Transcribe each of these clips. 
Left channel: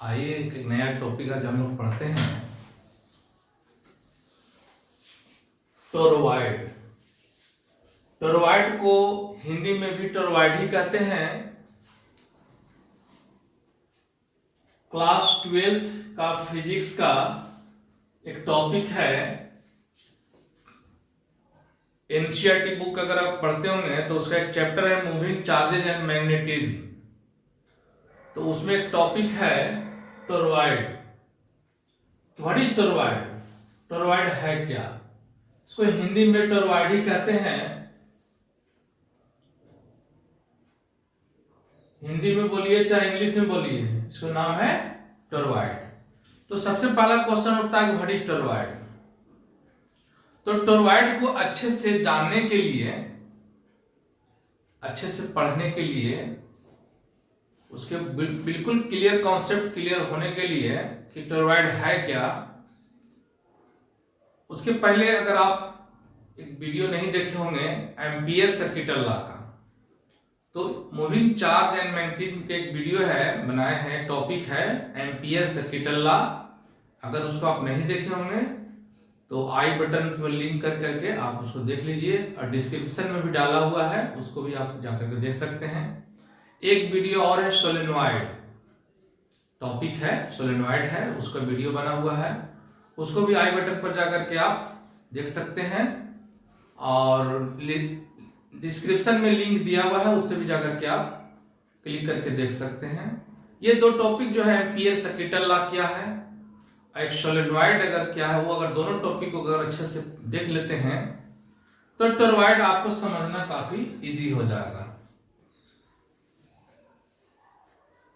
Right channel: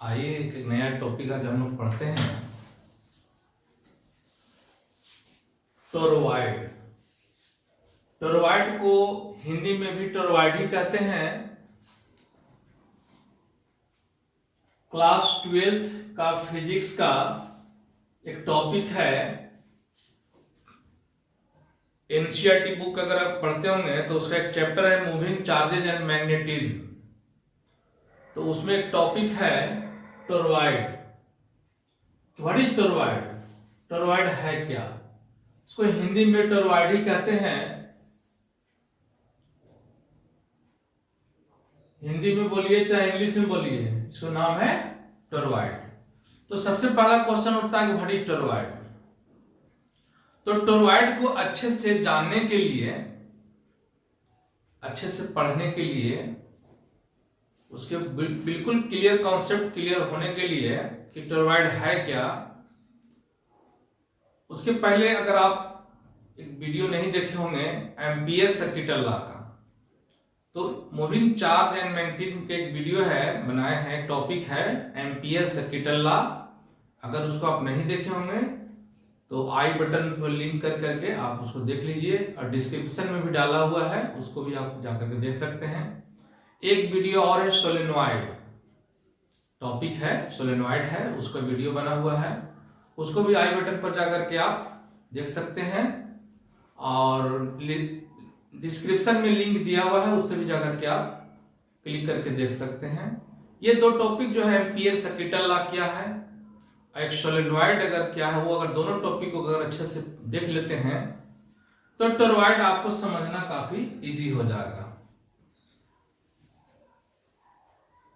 आइए एक नया टॉपिक आज हम लोग पढ़ते हैं। टोरॉइड। टोरॉइड को हिंदी में भी टोरॉइड ही कहते हैं। क्लास 12th का फिजिक्स का एक टॉपिक है। एनसीईआरटी बुक अगर आप पढ़ते होंगे तो उसका एक चैप्टर है मूविंग चार्जेज एंड मैग्नेटिज्म। तो उसमें एक टॉपिक है toroid. What is toroid? Toroid है क्या? इसको हिंदी में टोरॉइड ही कहते हैं। हिंदी में बोलिए चाहे इंग्लिश में बोलिए, इसका नाम है टोरॉइड। तो सबसे पहला क्वेश्चन उठता है कि व्हाट इज टोरॉइड। तो टोरॉइड को अच्छे से जानने के लिए, अच्छे से पढ़ने के लिए, उसके बिल्कुल क्लियर कॉन्सेप्ट क्लियर होने के लिए कि टोरॉइड है क्या, उसके पहले अगर आप एक वीडियो नहीं देखे होंगे एम्पियर सर्किटल लॉ का, तो मूविंग चार्ज एंड मैग्नेटिज्म के एक वीडियो है, बनाए हैं, टॉपिक है एम्पियर सर्किटल लॉ। अगर उसको आप नहीं देखे होंगे तो आई बटन पर लिंक कर करके आप उसको देख लीजिए, और डिस्क्रिप्शन में भी डाला हुआ है, उसको भी आप जाकर के देख सकते हैं। एक वीडियो और है सोलेनॉइड, टॉपिक है सोलेनॉइड है, उसका वीडियो बना हुआ है, उसको भी आई बटन पर जाकर के आप देख सकते हैं, और डिस्क्रिप्शन में लिंक दिया हुआ है, उससे भी जाकर के आप क्लिक करके देख सकते हैं। ये दो टॉपिक जो है एम्पियर सर्किटल लॉ क्या है, एक सोलेनॉइड अगर क्या है, वो अगर दोनों टॉपिक को अगर अच्छे से देख लेते हैं तो टोरॉइड आपको समझना काफी इजी हो जाएगा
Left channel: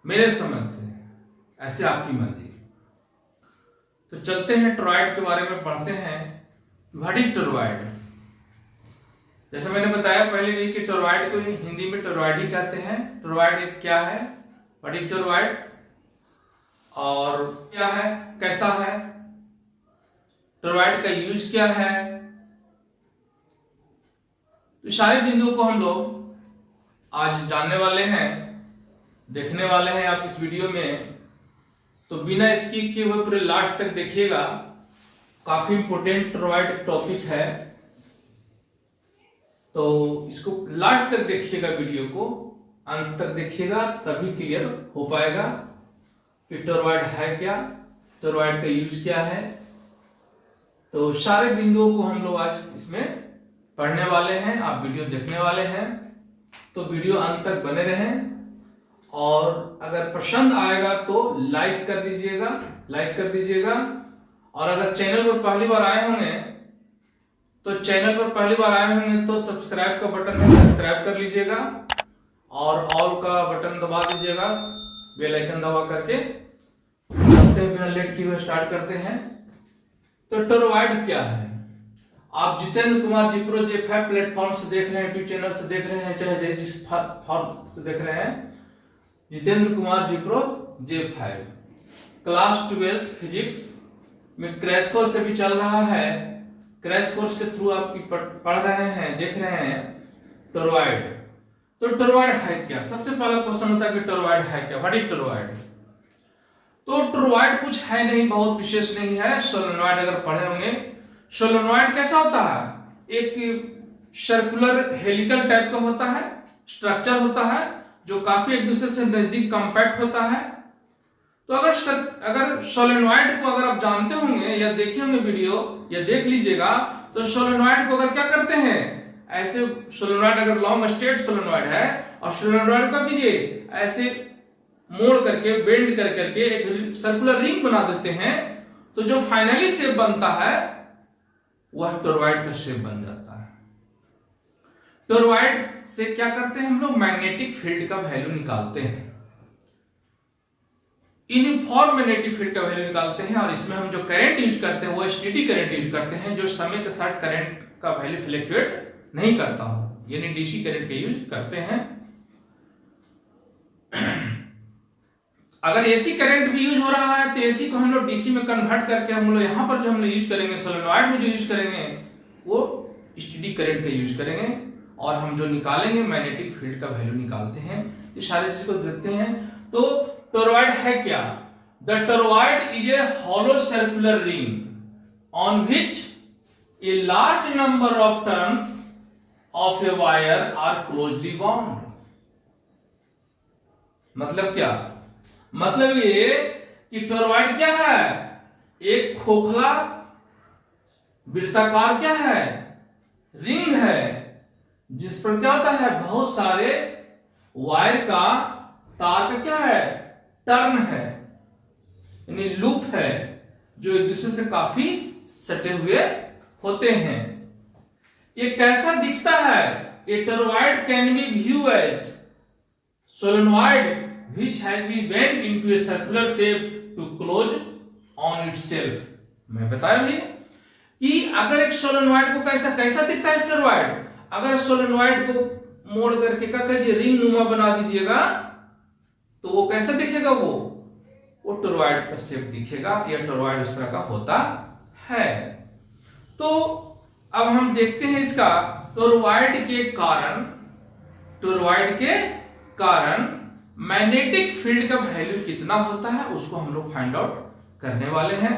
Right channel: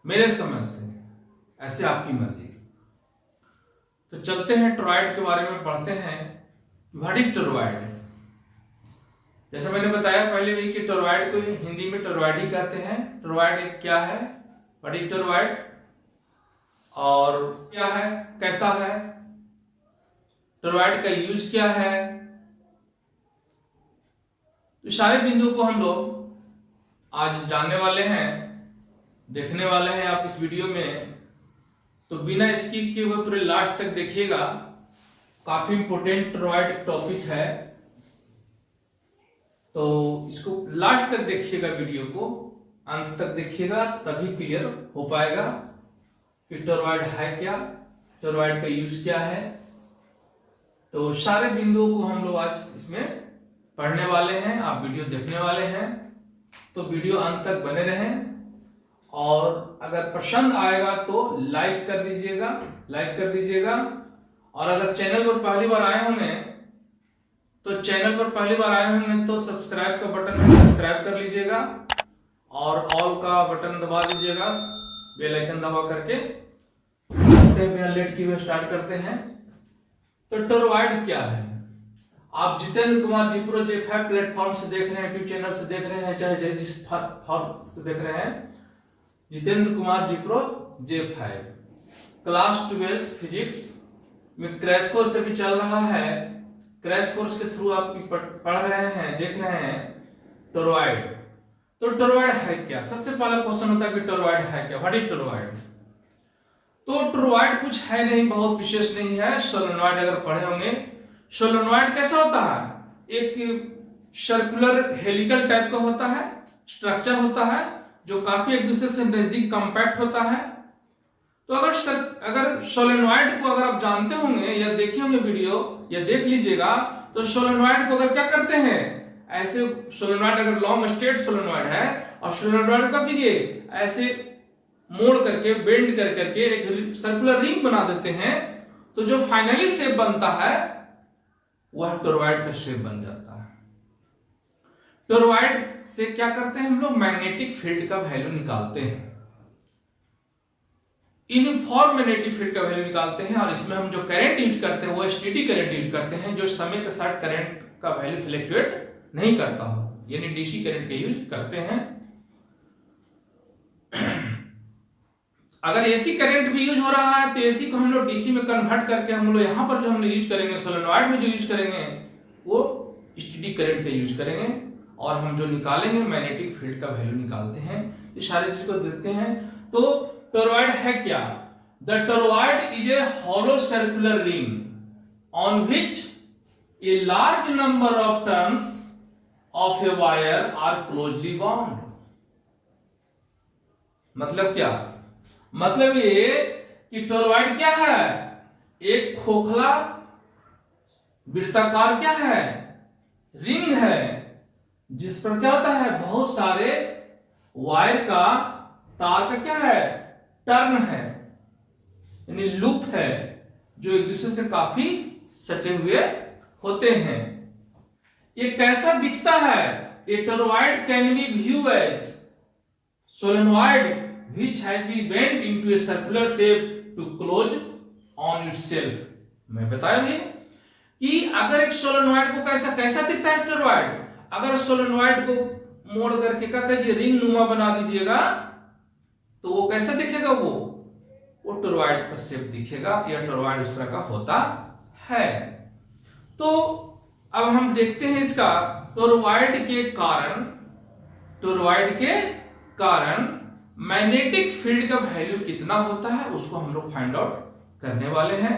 मेरे समझ से, ऐसे आपकी मर्जी। तो चलते हैं टोरॉइड के बारे में पढ़ते हैं। What is toroid? जैसा मैंने बताया पहले भी कि टोरॉइड को हिंदी में टोरॉइड ही कहते हैं। टोरॉइड क्या है? व्हाट इज टोरॉइड और क्या है, कैसा है, टोरॉइड का यूज क्या है, तो सारे बिंदुओं को हम लोग आज जानने वाले हैं, देखने वाले हैं आप इस वीडियो में। तो बिना स्किप किए हुए पूरे लास्ट तक देखिएगा, काफी इंपोर्टेंट टोरॉइड टॉपिक है, तो इसको लास्ट तक देखिएगा, वीडियो को अंत तक देखिएगा, तभी क्लियर हो पाएगा कि टोरॉइड है क्या, टोरॉइड का यूज क्या है। तो सारे बिंदुओं को हम लोग आज इसमें पढ़ने वाले हैं, आप वीडियो देखने वाले हैं, तो वीडियो अंत तक बने रहें। और अगर पसंद आएगा तो लाइक कर दीजिएगा, लाइक कर दीजिएगा। और अगर चैनल पर पहली बार आए होंगे तो चैनल पर पहली बार आए होंगे तो सब्सक्राइब का बटन है, सब्सक्राइब कर लीजिएगा, और ऑल का बटन दबा दीजिएगा, बेल आइकन दबा करके। बिना लेट किए हुए स्टार्ट करते हैं। तो टोरॉइड क्या है? आप जितेंद्र कुमार जिप्रो J5 प्लेटफॉर्म से देख रहे हैं, यूट्यूब चैनल से देख रहे हैं, चाहे जिस फॉर्म से देख रहे हैं, जितेंद्र कुमार जिप्रो J5 क्लास 12 फिजिक्स में क्रैश कोर्स से भी चल रहा है। क्रैश कोर्स के थ्रू आप पढ़ रहे हैं, देख रहे हैं टोरॉइड। तो टोरॉइड है क्या? सबसे पहला क्वेश्चन होता है कि टोरॉइड है क्या, व्हाट इज टोरॉइड? तो टोरॉइड कुछ है नहीं, बहुत विशेष नहीं है। सोलेनॉइड अगर पढ़े होंगे, सोलेनॉइड कैसा होता है? एक सर्कुलर हेलिकल टाइप का होता है, स्ट्रक्चर होता है, जो काफी एक दूसरे से नजदीक कंपैक्ट होता है। तो अगर सोलेनॉइड को अगर आप जानते होंगे या देखे होंगे वीडियो, या देख लीजिएगा, तो सोलेनॉइड को अगर क्या करते हैं, ऐसे सोलेनॉइड अगर लॉन्ग स्ट्रेट सोलेनॉइड है, और सोलेनॉइड का कीजिए ऐसे मोड़ करके, बेंड कर करके एक सर्कुलर रिंग बना देते हैं, तो जो फाइनली शेप बनता है वह टोरॉइड का शेप बन जाता है। टोरॉइड से क्या करते हैं हम लोग? मैग्नेटिक फील्ड का वैल्यू निकालते हैं, यूनिफॉर्म मैग्नेटिक फील्ड का वैल्यू निकालते हैं। और इसमें हम जो करंट यूज करते हैं वो स्टेडी करंट यूज करते हैं, जो समय के साथ करंट का वैल्यू फ्लक्चुएट नहीं करता हो, यानी डीसी करंट का यूज करते हैं। अगर एसी करंट भी यूज हो रहा है तो एसी को हम लोग डीसी में कन्वर्ट करके हम लोग यहाँ पर जो हम लोग यूज करेंगे, सोलेनॉइड में जो यूज करेंगे वो स्टेडी करंट का यूज करेंगे, और हम जो निकालेंगे मैग्नेटिक फील्ड का वैल्यू निकालते हैं। तो सारी चीज को देखते हैं। तो टोरॉइड है क्या? The toroid is a hollow circular ring on which a large number of turns of a wire are closely bound. मतलब क्या? मतलब ये कि टोरॉइड क्या है? एक खोखला वृत्ताकार क्या है? रिंग है, जिस पर क्या होता है? बहुत सारे वायर का, तार का क्या है? टर्न है, यानी लूप है, जो एक दूसरे से काफी सटे हुए होते हैं। ये कैसा दिखता है? A toroid can be view as solenoid which has been bent into a circular shape to close on itself। मैं बताया भाई कि अगर एक सोलेनॉइड को कैसा दिखता है टोरॉइड, अगर सोलेनॉइड को मोड़ करके क्या कीजिए, रिंग नुमा बना दीजिएगा, तो वो कैसा दिखेगा? वो टोरॉइड का शेप दिखेगा, या टोरॉइड उस तरह का होता है। तो अब हम देखते हैं इसका टोरॉइड के कारण मैग्नेटिक फील्ड का वैल्यू कितना होता है, उसको हम लोग फाइंड आउट करने वाले हैं।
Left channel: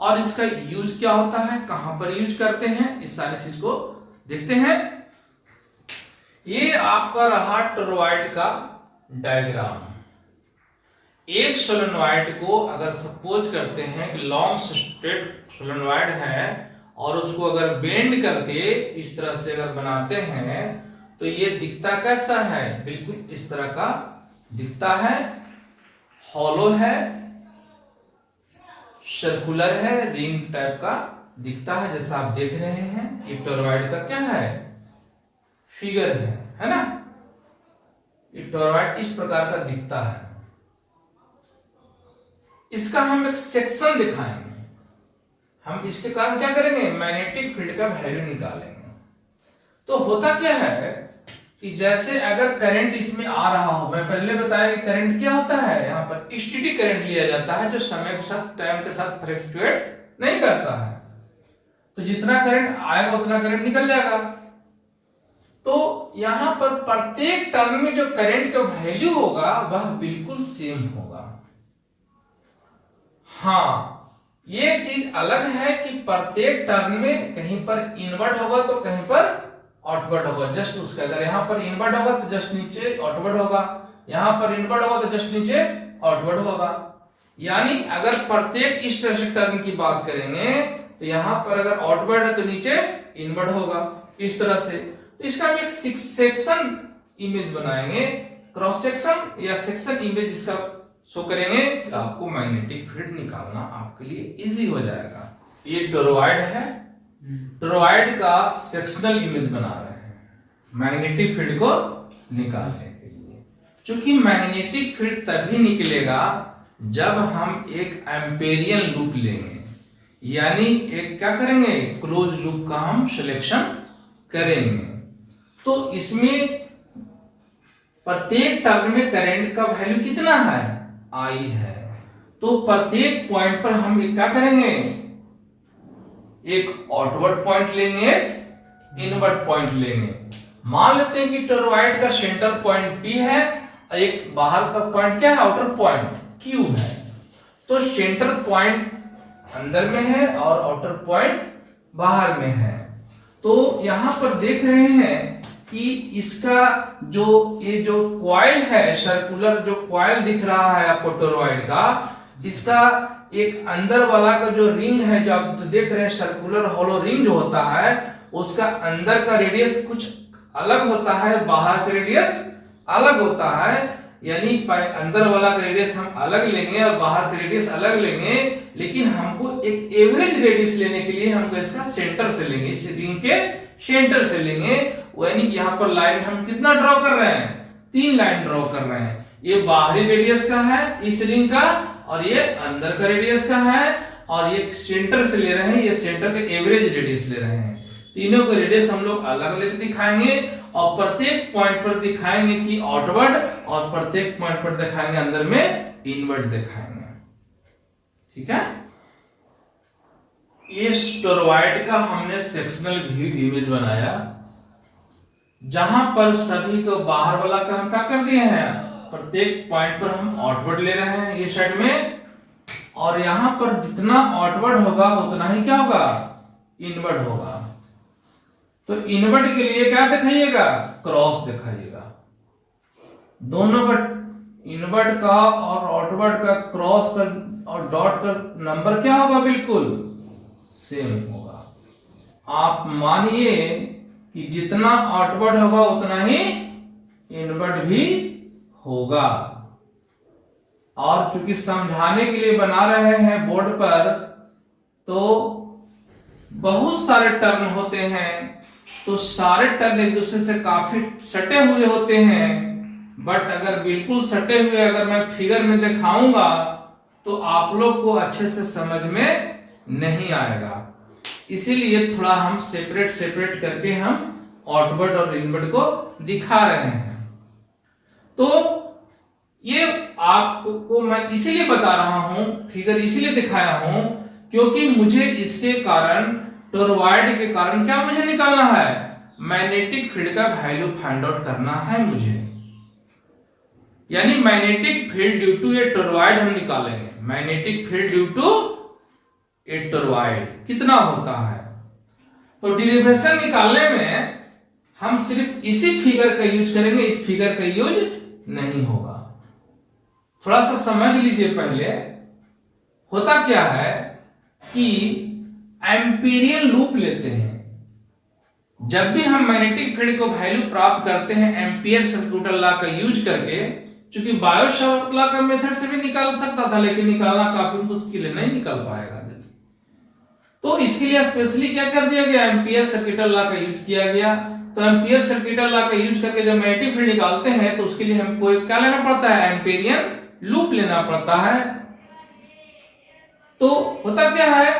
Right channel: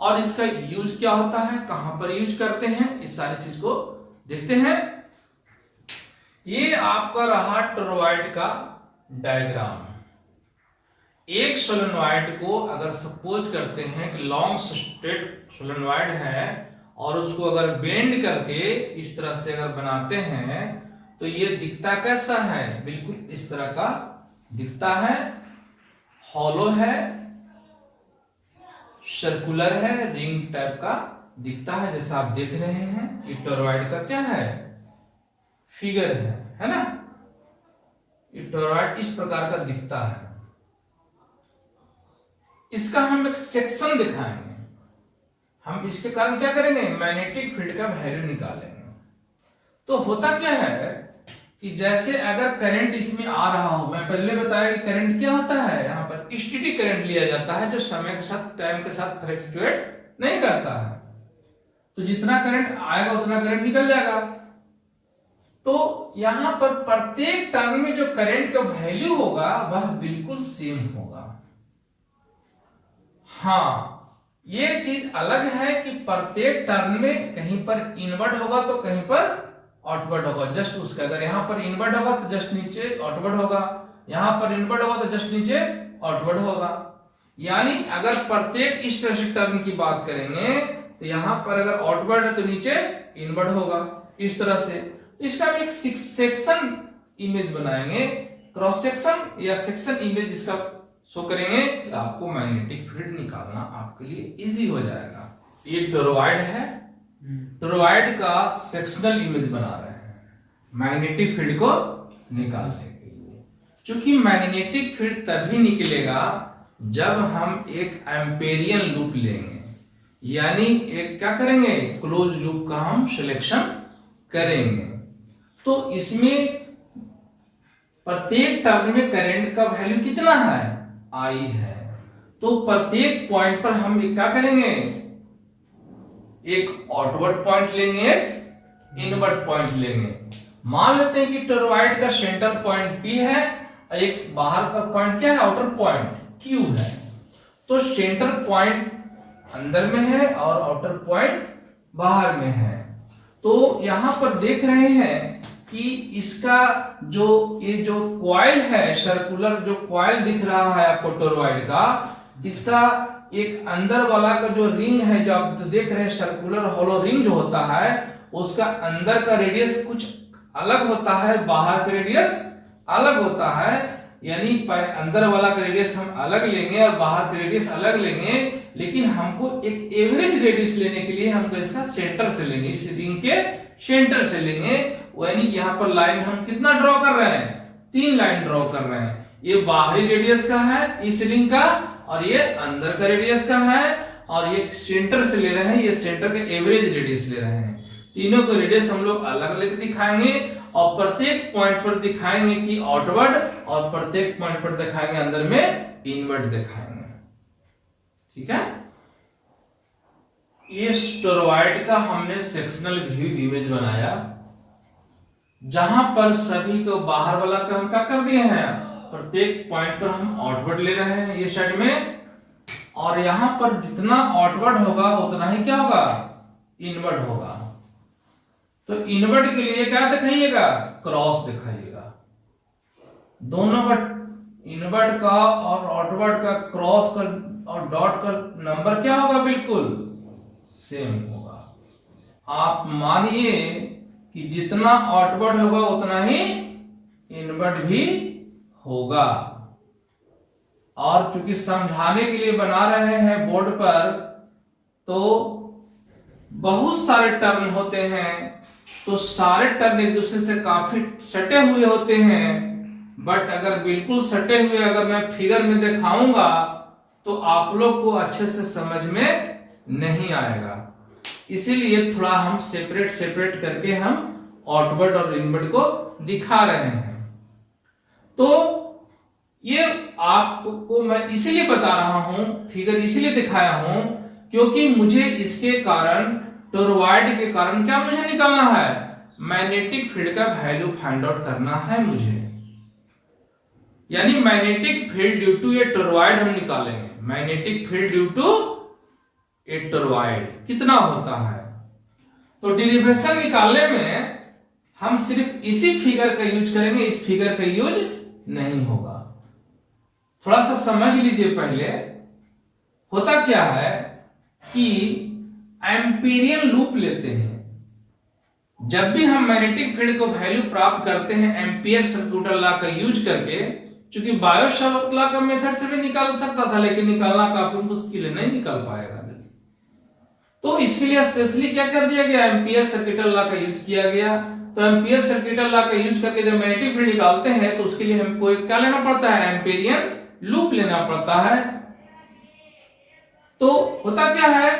और इसका यूज क्या होता है, कहां पर यूज करते हैं, इस सारी चीज को देखते हैं। ये आपका रहा टोरॉइड का डायग्राम। एक सोलेनॉइड को अगर सपोज करते हैं कि लॉन्ग स्ट्रेट सोलेनॉइड है, और उसको अगर बेंड करके इस तरह से अगर बनाते हैं, तो ये दिखता कैसा है? बिल्कुल इस तरह का दिखता है, हॉलो है, सर्कुलर है, रिंग टाइप का दिखता है, जैसा आप देख रहे हैं। ये टोरॉइड का क्या है? फिगर है ना? ये टोरॉइड इस प्रकार का दिखता है। इसका हम एक सेक्शन दिखाएंगे। हम इसके कारण क्या करेंगे? मैग्नेटिक फील्ड का वैल्यू निकालेंगे। तो होता क्या है कि जैसे अगर करंट इसमें आ रहा हो, मैं पहले बताया कि करंट क्या होता है, यहां पर स्टेडी करंट लिया जाता है, जो समय के साथ, टाइम के साथ फ्लक्चुएट नहीं करता है। तो जितना करंट आएगा उतना करंट निकल जाएगा। तो यहां पर प्रत्येक टर्न में जो करंट का वैल्यू होगा वह बिल्कुल सेम होगा। हाँ, ये चीज अलग है कि प्रत्येक टर्न में कहीं पर इनवर्ड होगा तो कहीं पर आउटवर्ड होगा। जस्ट उसके अगर यहां पर इनवर्ड होगा तो जस्ट नीचे आउटवर्ड होगा, यहां पर इनवर्ड होगा तो जस्ट नीचे आउटवर्ड होगा। यानी अगर प्रत्येक इस तरह से टर्न की बात करेंगे तो यहां पर अगर आउटवर्ड है तो नीचे इनवर्ड होगा, इस तरह से। तो इसका हम एक सेक्शन इमेज बनाएंगे, क्रॉस सेक्शन या सेक्शन इमेज इसका शो करेंगे, तो आपको मैग्नेटिक फील्ड निकालना आपके लिए इजी हो जाएगा। ये टोरॉइड है, टोरॉइड का सेक्शनल इमेज बना रहे हैं मैग्नेटिक फील्ड को निकालने के लिए। क्योंकि मैग्नेटिक फील्ड तभी निकलेगा जब हम एक एम्पेरियन लूप लेंगे, यानी एक क्या करेंगे, क्लोज लूप का हम सिलेक्शन करेंगे। तो इसमें प्रत्येक टर्न में करंट का वैल्यू कितना है? I है। तो प्रत्येक पॉइंट पर हम क्या करेंगे, एक आउटवर्ड पॉइंट लेंगे, एक इनवर्ड पॉइंट लेंगे। मान लेते हैं कि टोरॉइड का सेंटर पॉइंट P है और एक बाहर का पॉइंट क्या है, आउटर पॉइंट Q है। तो सेंटर पॉइंट अंदर में है और आउटर पॉइंट बाहर में है। तो यहां पर देख रहे हैं कि इसका ये जो कॉइल है, सर्कुलर जो कॉइल दिख रहा है आपको टोरॉइड का, इसका एक अंदर वाला का जो रिंग है, जो आप देख रहे हैं सर्कुलर हॉलो रिंग जो होता है, उसका अंदर का रेडियस कुछ अलग होता है, बाहर का रेडियस अलग होता है। यानी अंदर वाला का रेडियस हम अलग लेंगे और बाहर का रेडियस अलग लेंगे, लेकिन हमको एक एवरेज रेडियस लेने के लिए हमको इसका सेंटर से लेंगे, इस रिंग के सेंटर से लेंगे। यानी यहाँ पर लाइन हम कितना ड्रॉ कर रहे हैं, 3 लाइन ड्रॉ कर रहे हैं। ये बाहरी रेडियस का है इस रिंग का, और ये अंदर का रेडियस का है, और ये सेंटर से ले रहे हैं, ये सेंटर का एवरेज रेडियस ले रहे हैं। तीनों को रेडियस हम लोग अलग लेके दिखाएंगे, और प्रत्येक पॉइंट पर दिखाएंगे कि आउटवर्ड, और प्रत्येक पॉइंट पर दिखाएंगे अंदर में इनवर्ड दिखाएंगे। ठीक है, इस टोरॉइड का हमने सेक्शनल व्यू इमेज बनाया, जहां पर सभी को बाहर वाला का हम क्या कर दिए हैं, प्रत्येक पॉइंट पर हम आउटवर्ड ले रहे हैं ये साइड में, और यहां पर जितना आउटवर्ड होगा उतना ही क्या होगा, इनवर्ड होगा। तो इनवर्ड के लिए क्या दिखाइएगा, क्रॉस दिखाइएगा। दोनों का इनवर्ड का और आउटवर्ड का क्रॉस का और डॉट का नंबर क्या होगा, बिल्कुल सेम होगा। आप मानिए कि जितना आउटवर्ड होगा उतना ही इनवर्ड भी होगा। और क्योंकि समझाने के लिए बना रहे हैं बोर्ड पर, तो बहुत सारे टर्म होते हैं, तो सारे टर्म एक दूसरे से काफी सटे हुए होते हैं। बट अगर बिल्कुल सटे हुए अगर मैं फिगर में दिखाऊंगा तो आप लोग को अच्छे से समझ में नहीं आएगा। इसीलिए थोड़ा हम सेपरेट सेपरेट करके हम आउटवर्ड और इनवर्ड को दिखा रहे हैं। तो ये आपको मैं इसीलिए बता रहा हूं, फिगर इसीलिए दिखाया हूं क्योंकि मुझे इसके कारण, टोरॉइड के कारण क्या मुझे निकालना है, मैग्नेटिक फील्ड का वैल्यू फाइंड आउट करना है मुझे। यानी magnetic field due to a toroid हम निकालेंगे। Magnetic field due to a toroid कितना होता है। तो डेरिवेशन निकालने में हम सिर्फ इसी फिगर का यूज करेंगे, इस फिगर का यूज नहीं होगा। थोड़ा सा समझ लीजिए। पहले होता क्या है कि एम्पीरियन लूप लेते हैं। जब भी हम मैग्नेटिक फील्ड को वैल्यू प्राप्त करते हैं एम्पियर सर्कुलर लॉ का यूज करके, चूंकि बायो-सावर्त लॉ का मेथड से भी निकाल सकता था, लेकिन निकालना काफी मुश्किल है, नहीं निकाल पाएगा। तो इसके लिए स्पेशली क्या कर दिया गया, एम्पियर सर्कुलर लॉ का यूज किया गया। तो एम्पियर सर्कुलर लॉ का यूज करके जब मैग्नेटिक फील्ड निकालते हैं तो उसके लिए हमको क्या लेना पड़ता है, एम्पीरियन लूप लेना पड़ता है। तो होता क्या है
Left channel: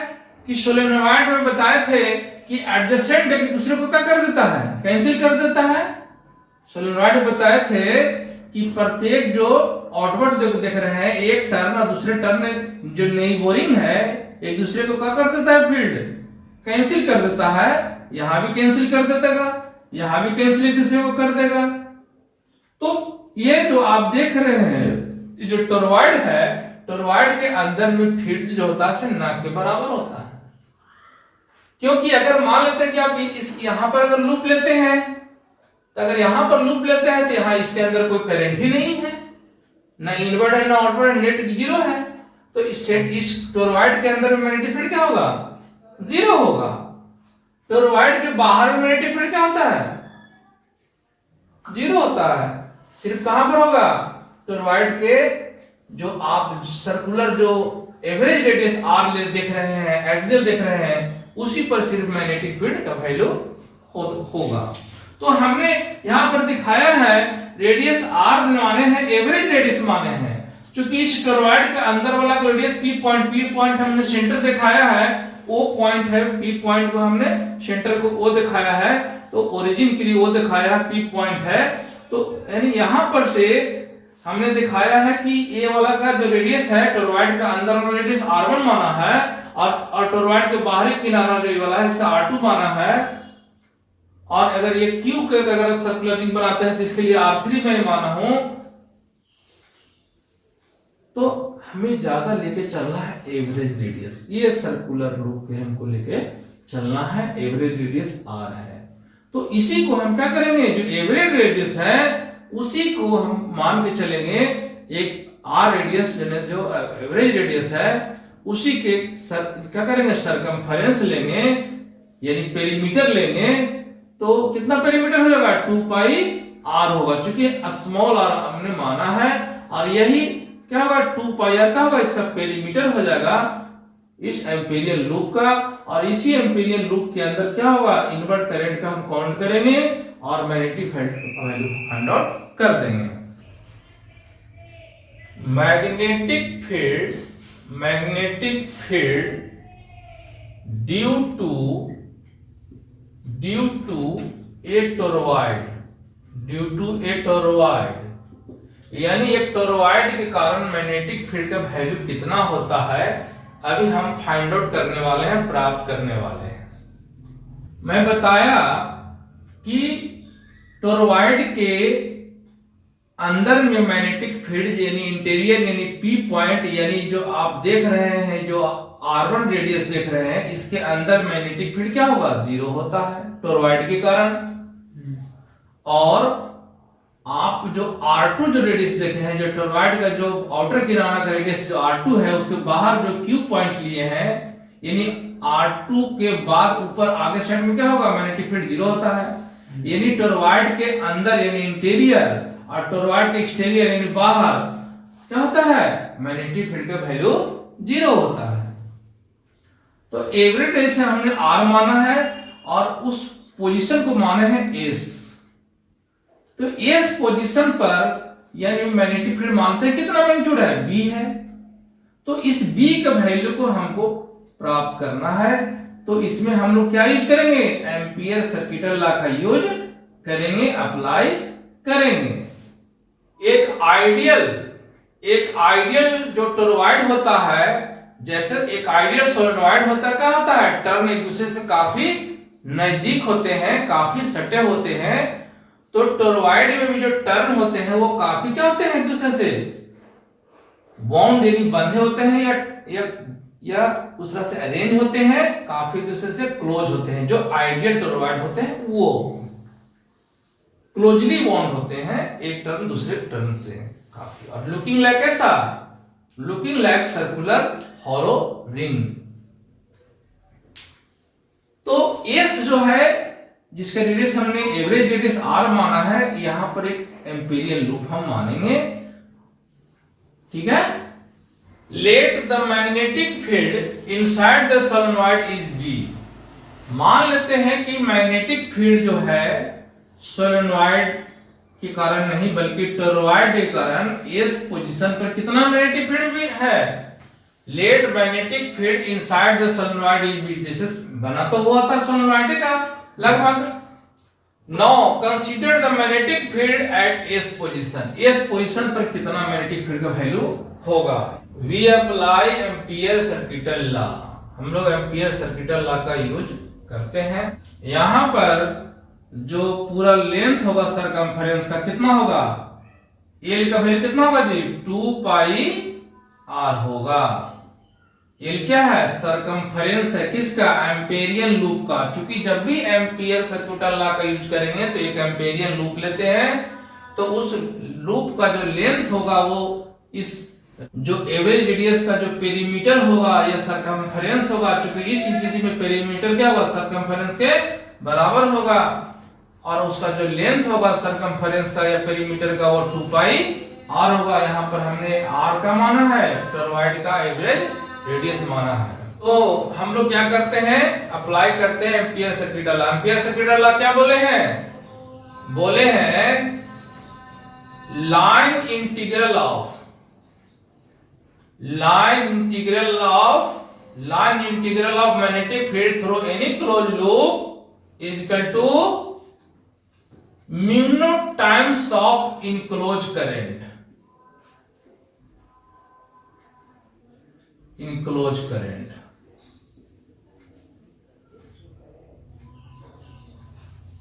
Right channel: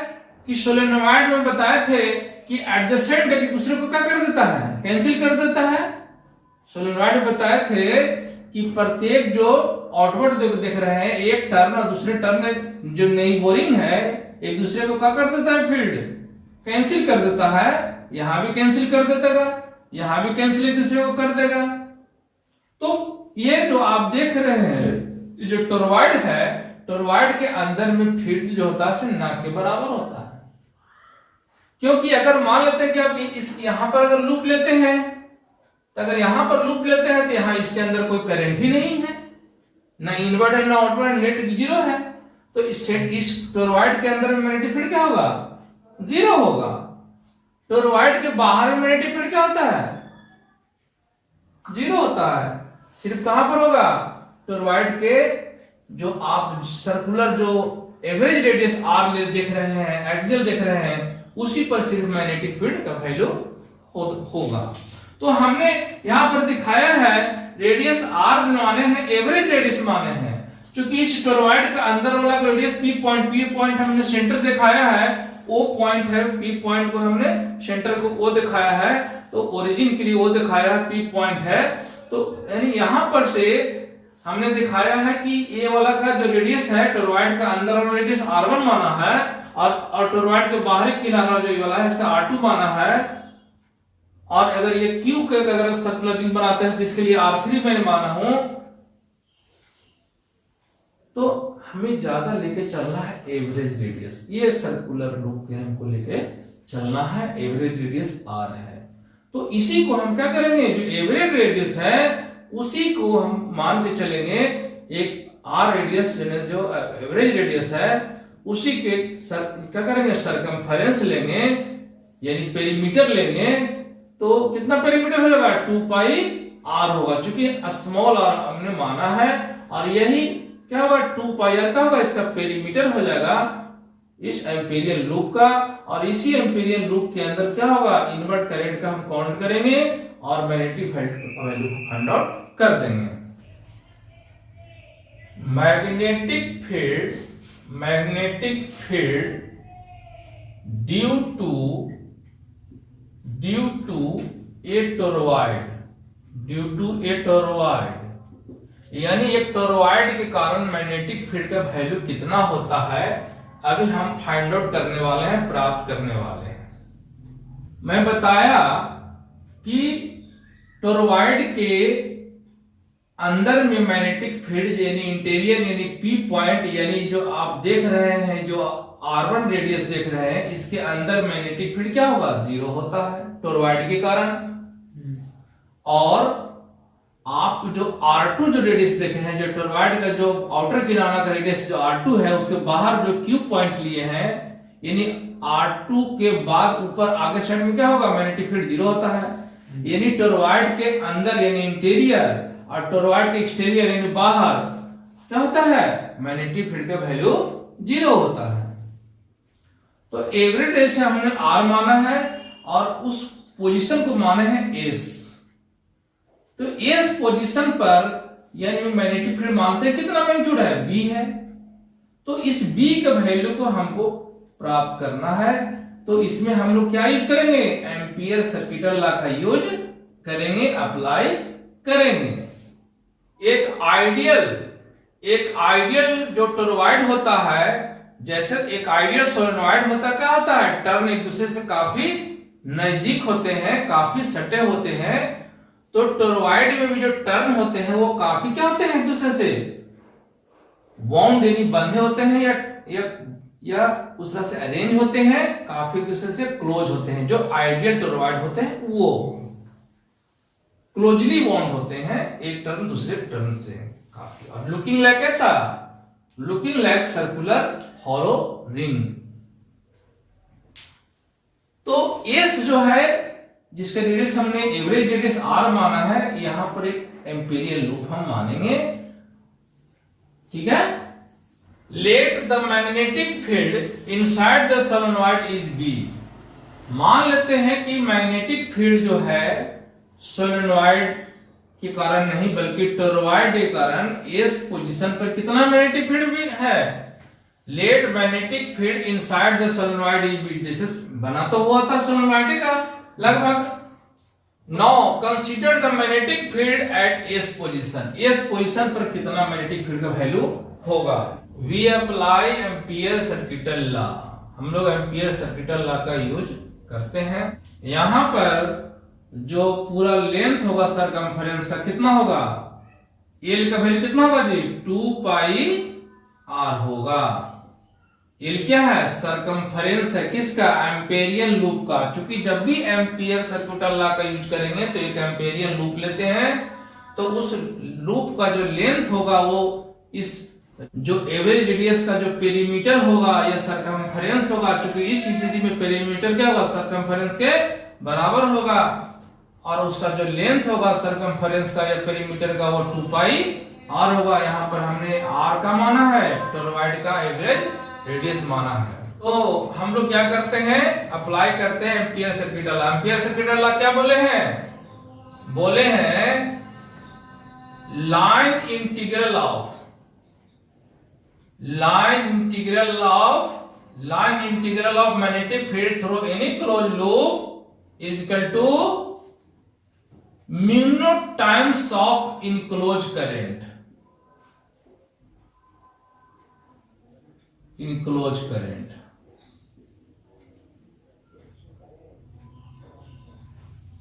कि सोलेनोइड में बताए थे कि एडजेसेंट एक दूसरे को क्या कर देता है, कैंसिल कर देता है। सोलेनोइड में बताए थे कि प्रत्येक जो आउटवर्ड देख रहे हैं, एक टर्न और दूसरे टर्न जो नई बोरिंग है, एक दूसरे को क्या कर देता है, फील्ड कैंसिल कर देता है। यहां भी कैंसिल कर देगा, यहां भी कैंसिल एक दूसरे को कर देगा। तो ये जो आप देख रहे हैं, जो टोरॉइड है, टोरॉइड के अंदर में फील्ड जो होता है ना के बराबर होता है। क्योंकि अगर मान लेते हैं कि आप इस यहां पर अगर लूप लेते हैं, तो अगर यहां पर लूप लेते हैं तो यहां इसके अंदर कोई करंट ही नहीं है, ना इनवर्ड है ना आउटवर्ड, नेट जीरो है। तो इस टोरॉइड के अंदर में मैग्नेटिक फील्ड क्या होगा, जीरो होगा। टोरॉइड के बाहर में मैग्नेटिक फील्ड क्या होता है, जीरो होता है। सिर्फ कहां पर होगा, टोरॉइड के जो आप सर्कुलर जो एवरेज रेडियस आर देख रहे हैं, एक्सियल देख रहे हैं, उसी पर सिर्फ मैग्नेटिक फील्ड का वैल्यू होगा। तो हमने यहां पर दिखाया है रेडियस आर माने हैं, एवरेज रेडियस माने हैं। क्योंकि इस टोरॉइड का अंदर वाला रेडियस पी पॉइंट हमने सेंटर दिखाया है, ओ पॉइंट है, पी पॉइंट को हमने सेंटर को ओ दिखाया है, तो ओरिजिन के लिए ओ दिखाया है, पी पॉइंट है। तो यानी यहां पर से हमने दिखाया है कि ए वाला का जो रेडियस है, टोरॉइड का अंदर वाला रेडियस r1 माना है, और टोरॉइड के बाहरी किनारा जो वाला है इसका r2 माना है। और अगर ये क्यू के अगर सर्कुलर रिंग बनाते हैं तो इसके लिए r3 मैं माना हूं। तो हमें ज्यादा लेके चलना है एवरेज रेडियस, ये सर्कुलर लूप के हमको लेके चलना है, एवरेज रेडियस r है। तो इसी को हम क्या करेंगे, जो एवरेज रेडियस है उसी को हम मान के चलेंगे, एक आर रेडियस जो एवरेज रेडियस है उसी के क्या करेंगे, सरकमफेरेंस लेंगे, यानी पेरीमीटर लेंगे। तो कितना पेरीमीटर हो जाएगा, 2 पाई r होगा, क्योंकि स्मॉल r हमने माना है। और यही क्या होगा, 2 पाई r का होगा, इसका पेरीमीटर हो जाएगा इस एम्पीरियल लूप का। और इसी एम्पीरियल लूप के अंदर क्या होगा, इनवर्ट करंट का हम काउंट करेंगे और मैग्नेटिक फील्ड का वैल्यू फाइंड आउट कर देंगे। Magnetic field due to a toroid, यानी एक टोरॉइड के कारण मैग्नेटिक फील्ड का वैल्यू कितना होता है, अभी हम फाइंड आउट करने वाले हैं, प्राप्त करने वाले हैं। मैं बताया कि टोरॉइड के अंदर में मैग्नेटिक फील्ड यानी इंटीरियर यानी पी पॉइंट यानी जो आप देख रहे हैं, जो R1 रेडियस देख रहे हैं, इसके अंदर मैग्नेटिक फील्ड क्या होगा? 0 होता है टोरॉइड के कारण। और आप जो R2 जो रेडियस देखे हैं, जो टोरॉइड का जो आउटर किनारा का रेडियस जो R2 है, उसके बाहर जो क्यू पॉइंट लिए हैं, यानी R2 के बाद ऊपर आगे साइड में क्या होगा? मैग्नेटिक फील्ड 0 होता है। यानी टोरॉइड के अंदर यानी इंटीरियर और टोरॉइड के एक्सटीरियर यानी बाहर क्या होता है? मैग्नेटिक फील्ड का वैल्यू 0 होता है। तो एवरी रेडियस से हमने R माना है और उस पोजीशन को माना है S। तो S पोजीशन पर यानी मैग्नेटिक फील्ड मानते हैं कितना मैग्नीट्यूड है? B है। तो इस B का वैल्यू को हमको प्राप्त करना है, तो इसमें हम लोग क्या यूज करेंगे? एम्पियर सर्किटल लॉ का यूज करेंगे, अप्लाई करेंगे। एक आइडियल जो टोरॉइड होता है, जैसे एक आइडियल सोलेनॉइड होता है, क्या होता है? टर्न एक दूसरे से काफी नजदीक होते हैं, काफी सटे होते हैं। तो टोरॉइड में भी जो टर्न होते हैं वो काफी क्या होते हैं? एक दूसरे से बाउंड यानी बंधे होते हैं या उस तरह से अरेंज होते हैं, काफी दूसरे से क्लोज होते हैं। जो आइडियल टोरॉइड होते हैं वो क्लोजली बाउंड होते हैं एक टर्न दूसरे टर्न से काफी। और लुकिंग लाइक ऐसा, looking like circular hollow ring. तो एस जो है, जिसका रेडियस हमने एवरेज रेडियस R माना है, यहां पर एक एम्पीरियल लूप हम मानेंगे, ठीक है। Let the magnetic field inside the solenoid is B। मान लेते हैं कि मैग्नेटिक फील्ड जो है सोलेनॉइड के कारण नहीं बल्कि टोरॉइड के कारण इस पोजीशन पर कितना मैग्नेटिक फील्ड भी है? Let magnetic field inside the solenoid is B। जैसे बना तो हुआ था सोलेनॉइड का लगभग। Now consider the magnetic field at S position. S position पर कितना मैग्नेटिक फील्ड का वैल्यू होगा? We apply Ampere circuital law. हम लोग एम्पियर सर्किटल लॉ का यूज करते हैं। यहां पर जो पूरा लेंथ होगा सरकमफेरेंस का कितना होगा? एल का वैल्यू कितना होगा जी? 2 पाई R होगा। एल क्या है? सरकमफेरेंस है किसका? एम्पेरियन लूप का। क्योंकि जब भी एम्पियर सर्किटल लॉ का यूज करेंगे तो एक एम्पेरियन लूप लेते हैं, तो उस लूप का जो लेंथ होगा वो इस जो एवरेज रेडियस का जो पेरीमीटर होगा या सरकमफेरेंस होगा, क्योंकि इस स्थिति में पेरीमीटर क्या होगा? सरकमफेरेंस के बराबर होगा। और उसका जो लेंथ होगा सरकमफेरेंस का या पेरीमीटर का वो 2 पाई R होगा। यहाँ पर हमने R का माना है, टोरॉइड का एवरेज रेडियस माना है। तो हम लोग क्या करते हैं? अप्लाई करते हैं Ampere circuital law. Ampere circuital law क्या बोले हैं? बोले हैं line integral of magnetic field through any close loop is equal to mu naught times of enclose current.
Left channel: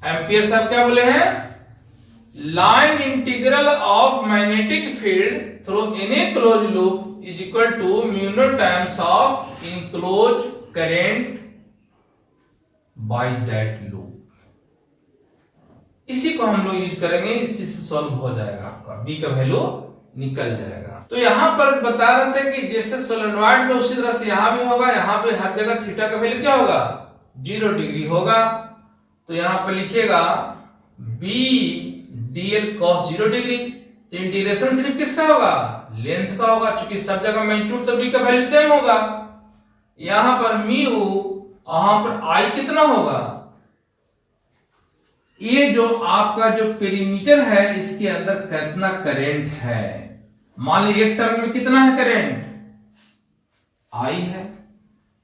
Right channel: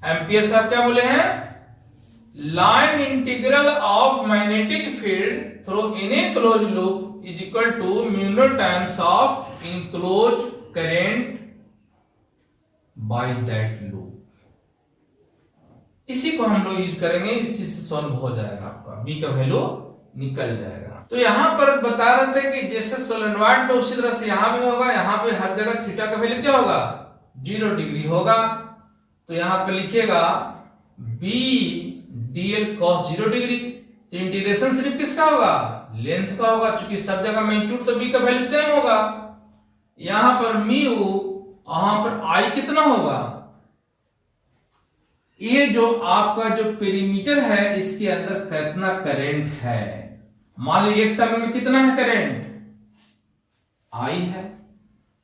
Ampere साहब क्या बोले हैं? Line integral of magnetic field through any close loop is equal to mu naught times of enclosed current by that loop। इसी को हम लोग use करेंगे, इसी से सॉल्व हो जाएगा, आपका B का वैल्यू निकल जाएगा। तो यहां पर बता रहे थे कि जैसे सोलेनॉइड में उसी तरह से यहां भी होगा, यहां पे हर जगह थीटा का वैल्यू क्या होगा? 0 डिग्री होगा। तो यहां पर लिखिएगा B dl cos 0 डिग्री। तो इंटीग्रेशन सिर्फ किसका होगा? लेंथ का होगा, क्योंकि सब जगह मैग्नीट्यूड तो B का वैल्यू सेम होगा। यहां पर म्यू, यहां पर I कितना होगा? ये जो आपका जो पेरीमीटर है इसके अंदर कितना करंट है? मान लीजिए एक टर्म में कितना है करंट? I है।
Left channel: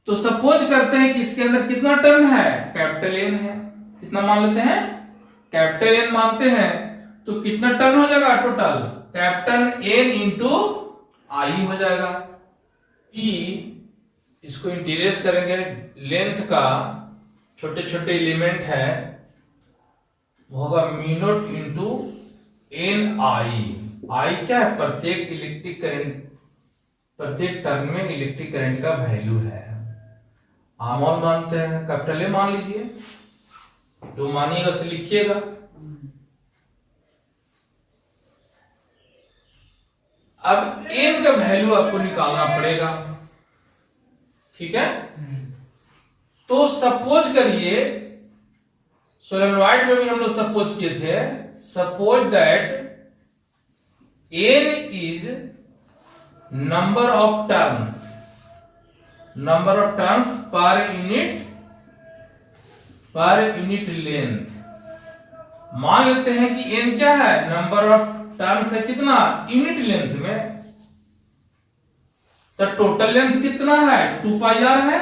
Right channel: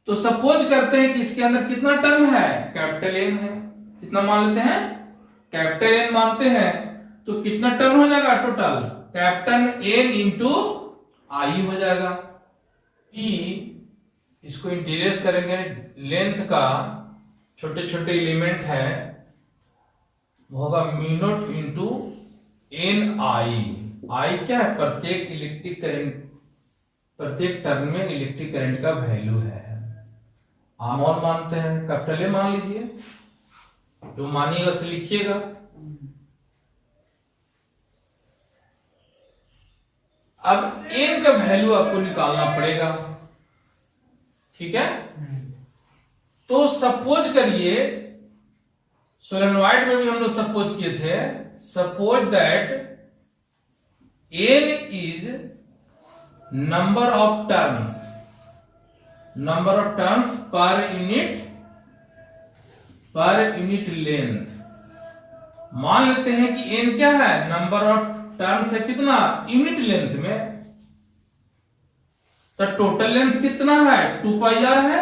तो सपोज करते हैं कि इसके अंदर कितना टर्म है? कैपिटल N है। कितना मान लेते हैं? कैपिटल N मानते हैं। तो कितना टर्न हो जाएगा total? Capital N into I हो जाएगा। E इसको इंटीग्रेट करेंगे, लेंथ का छोटे छोटे एलिमेंट है वो होगा mu naught into N I। आई क्या है? प्रत्येक इलेक्ट्रिक करंट, प्रत्येक टर्न में इलेक्ट्रिक करंट का वैल्यू है। आमोल मानते हैं, कैपिटल ए मान लीजिए, जो मानिएगा उसे लिखिएगा। अब एन का वैल्यू आपको निकालना पड़ेगा, ठीक है। तो सपोज करिए, सोलेनोइड में भी हम लोग सपोज किए थे, suppose that N is number of turns, number of turns per unit length. मान लेते हैं कि एन क्या है? नंबर ऑफ टर्न्स है कितना? यूनिट लेंथ में। तो टोटल लेंथ कितना है? 2 पाई आर है।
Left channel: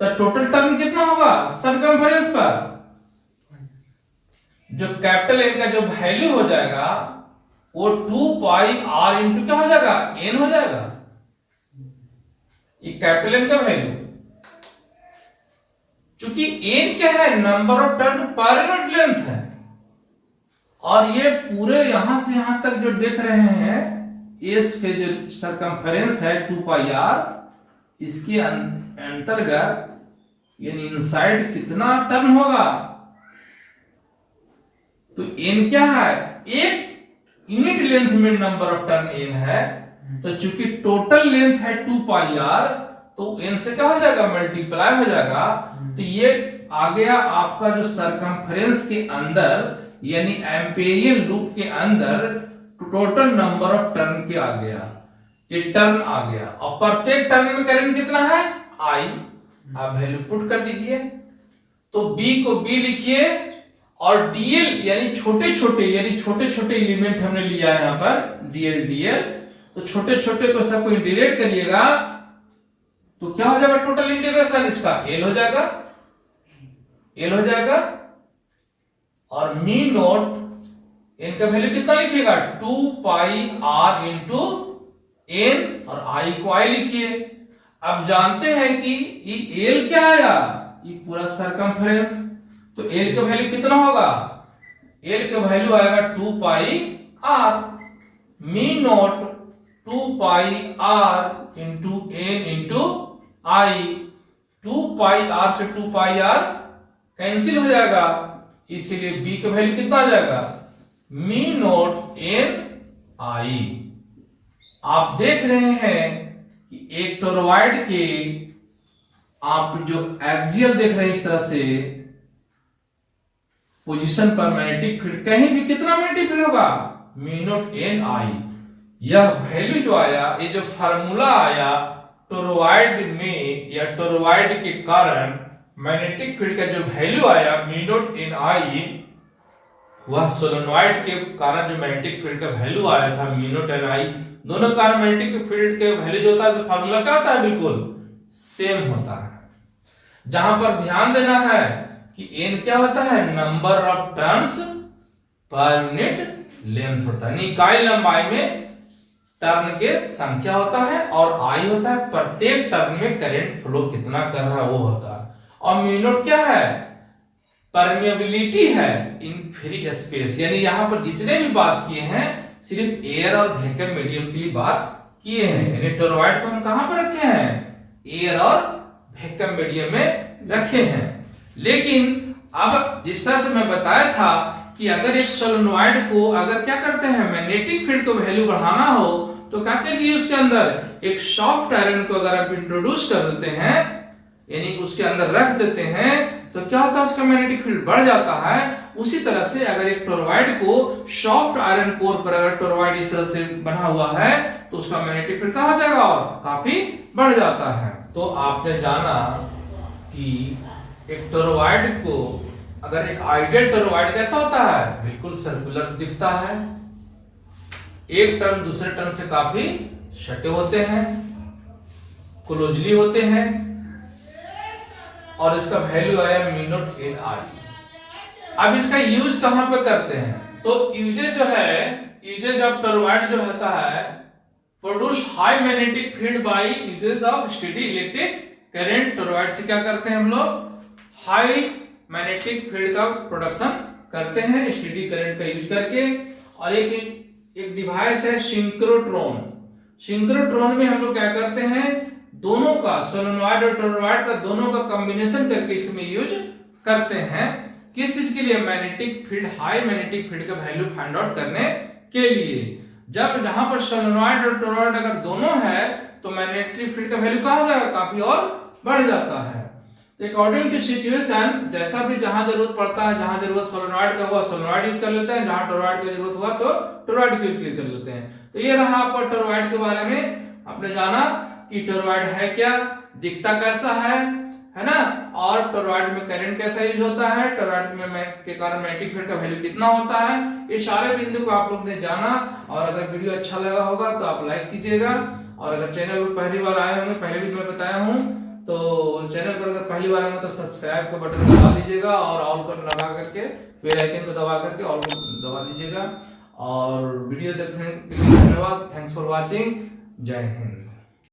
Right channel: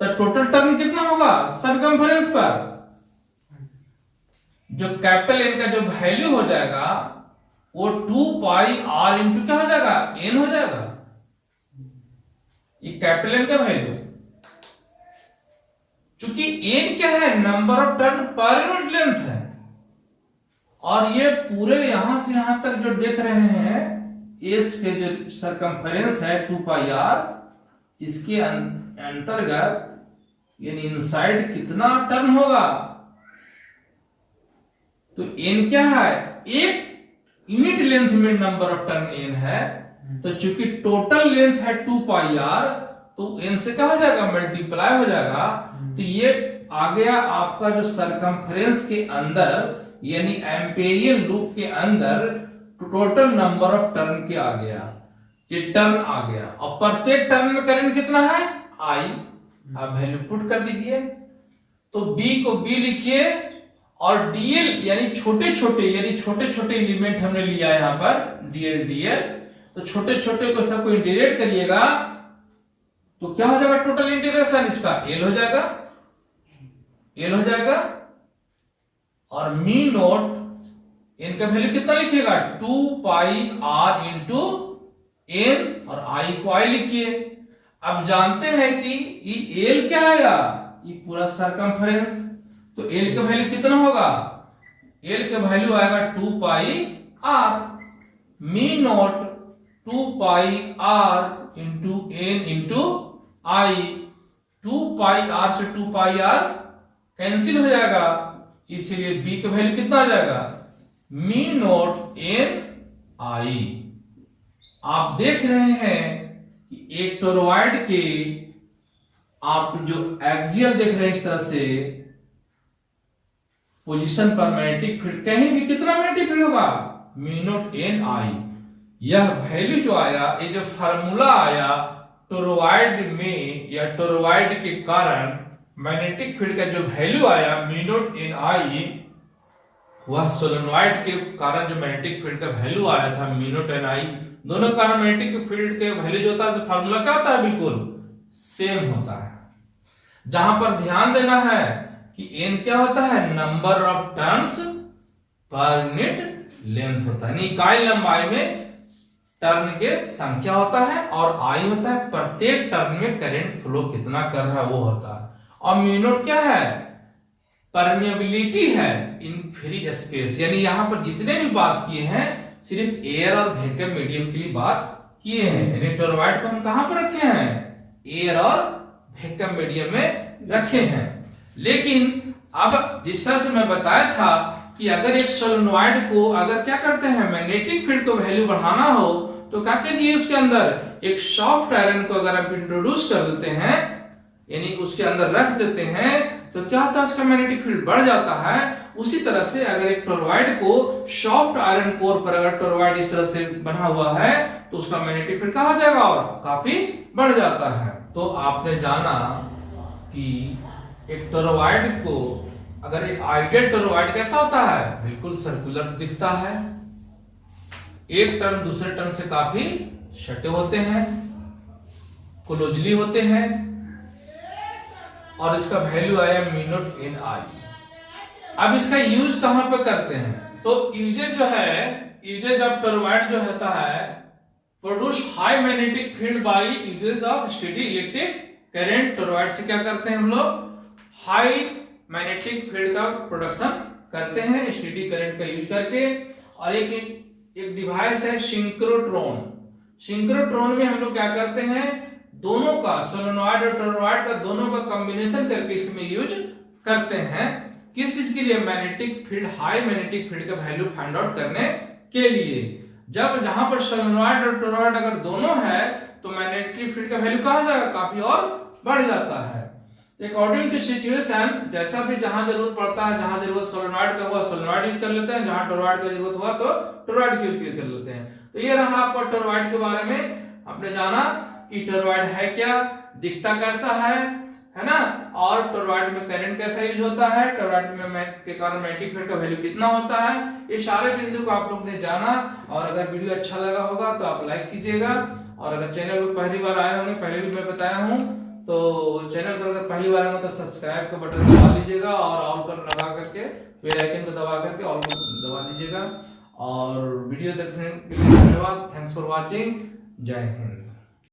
तो टोटल टर्न कितना होगा सरकमफेरेंस पर? जो कैपिटल एन का जो वैल्यू हो जाएगा वो 2 पाई आर इंटू क्या हो जाएगा? एन हो जाएगा। ये कैपिटल एन का वैल्यू, क्योंकि एन क्या है? नंबर ऑफ टर्न पर यूनिट लेंथ है। और ये पूरे यहां से यहां तक जो देख रहे हैं, एस के जो सरकमफेरेंस है 2 पाई आर, इसके अंतर्गत यानी इनसाइड कितना टर्न होगा? तो एन क्या है? एक यूनिट लेंथ में नंबर ऑफ टर्न एन है, तो चूंकि टोटल लेंथ है 2 पाई आर, तो एन से क्या हो जाएगा? मल्टीप्लाई हो जाएगा। तो ये आ गया आपका जो सरकमफेरेंस के अंदर यानी एम्पेरियन लूप के अंदर टोटल नंबर ऑफ टर्न के आ गया, ये टर्न आ गया। और प्रत्येक टर्न में करंट कितना है? आई। आप वैल्यू पुट कर दीजिए। तो बी को बी लिखिए, और डीएल यानी छोटे छोटे एलिमेंट हमने लिया है यहां पर, डीएल। तो छोटे छोटे को सबको इंटीग्रेट करिएगा, तो क्या हो जाएगा? टोटल इंटीग्रेशन इसका एल हो जाएगा। और मी नोट इनका वैल्यू कितना लिखिएगा? 2 पाई आर इंटू एन, और आई को आई लिखिए। अब जानते हैं कि ये एल क्या आया? ये पूरा सरकमफेरेंस। तो एल का वैल्यू कितना होगा? एल का वैल्यू आएगा 2 pi R. Mu naught 2 pi R into N into I. 2 pi R से 2 पाई आर कैंसिल हो जाएगा, इसीलिए बी का वैल्यू कितना आ जाएगा? मी नोट एन आई। आप देख रहे हैं कि एक टोरॉइड के आप जो एक्सियल देख रहे हैं इस तरह से पोजीशन पर मैग्नेटिक फील्ड, कहीं भी कितना मैग्नेटिक फील्ड होगा? मी नोट एन आई। यह वैल्यू जो आया, ये जो फार्मूला आया टोरॉइड में या टोरॉइड के कारण मैग्नेटिक फील्ड का जो वैल्यू आया मी नोट एन आई, वह सोलेनोइड के कारण जो मैग्नेटिक फील्ड का वैल्यू आया था मी नोट एन आई, दोनों कारण मैग्नेटिक फील्ड के वैल्यू जो होता है फार्मूला क्या होता है? बिल्कुल सेम होता है। जहां पर ध्यान देना है कि एन क्या होता है? Number of turns per unit length होता है, इकाई लंबाई में टर्न के संख्या होता है, और आई होता है प्रत्येक टर्न में करंट फ्लो कितना कर रहा है वो होता है। और म्यू नॉट क्या है? परमेबिलिटी है इन फ्री स्पेस, यानी यहां पर जितने भी बात किए हैं सिर्फ एयर और वैक्यूम मीडियम के लिए बात किए हैं। यानी टोरॉइड को हम कहां पर रखे हैं? एयर और वैक्यूम मीडियम में रखे हैं। लेकिन अब जिस तरह से मैं बताया था कि अगर एक सोलेनोइड को अगर क्या करते हैं मैग्नेटिक फील्ड को वैल्यू बढ़ाना हो तो क्या कीजिए, उसके अंदर एक सॉफ्ट आयरन को अगर आप इंट्रोड्यूस कर देते हैं यानी उसके अंदर रख देते हैं तो क्या होता है, उसका मैग्नेटिक फील्ड बढ़ जाता है। उसी तरह से अगर एक टोरॉइड को सॉफ्ट आयरन कोर पर अगर टोरॉइड इस तरह से बना हुआ है तो उसका मैग्नेटिक फील्ड कहां जाएगा और काफी बढ़ जाता है। तो आपने जाना कि एक टोरॉइड को अगर एक आइडियल टोरॉइड कैसा होता है, बिल्कुल सर्कुलर दिखता है, एक टर्न दूसरे टर्न से काफी सटे होते हैं, क्लोजली होते हैं, और इसका वैल्यू आया म्यू नॉट एन आई। अब इसका यूज कहां पे करते हैं, तो यूजेज जो है, यूजेज ऑफ टोरॉइड जो होता है produce high magnetic field by uses of steady electric current. Toroid से क्या करते हैं हम लोग, हाई मैग्नेटिक फील्ड का प्रोडक्शन करते हैं स्टेडी करंट का यूज करके। और एक डिवाइस है सिंक्रोट्रॉन। सिंक्रोट्रॉन में हम लोग क्या करते हैं, दोनों का सोलेनॉइड और टोरॉइड का दोनों का कॉम्बिनेशन करके इसमें यूज करते हैं। किस चीज के लिए, magnetic field, high magnetic field का वैल्यू फाइंड आउट करने के लिए। जब जहां पर सोलेनॉइड और टोरॉइड अगर दोनों है तो मैग्नेटिक फील्ड का वैल्यू कहां जाएगा, काफी और बढ़ जाता है। तो अकॉर्डिंग टू सिचुएशन, जैसा भी जहां जरूरत पड़ता है, जहां जरूरत सोलेनॉइड का हुआ सोलेनॉइड यूज कर लेते हैं, जहां टोरॉइड की जरूरत हुआ तो टोरॉइड का यूज कर लेते हैं। तो ये रहा आपका टोरॉइड के बारे में, आपने जाना कि टोरॉइड है क्या, दिखता कैसा है ना, और टोरॉइड में करंट कैसा यूज होता है, टोरॉइड में के कारण मैग्नेटिक फील्ड का वैल्यू कितना होता है। ये सारे बिंदु को आप लोग ने जाना। और अगर वीडियो अच्छा लगा होगा तो आप लाइक कीजिएगा, और अगर चैनल पर पहली बार आए होंगे, पहले भी मैं बताया हूँ, तो चैनल पर अगर पहली बार आए तो सब्सक्राइब का बटन दबा लीजिएगा और ऑल कर लगा करके बेल आइकन को दबा करके ऑल दबा दीजिएगा। और वीडियो देखने के लिए धन्यवाद। Thanks for watching. जय हिंद।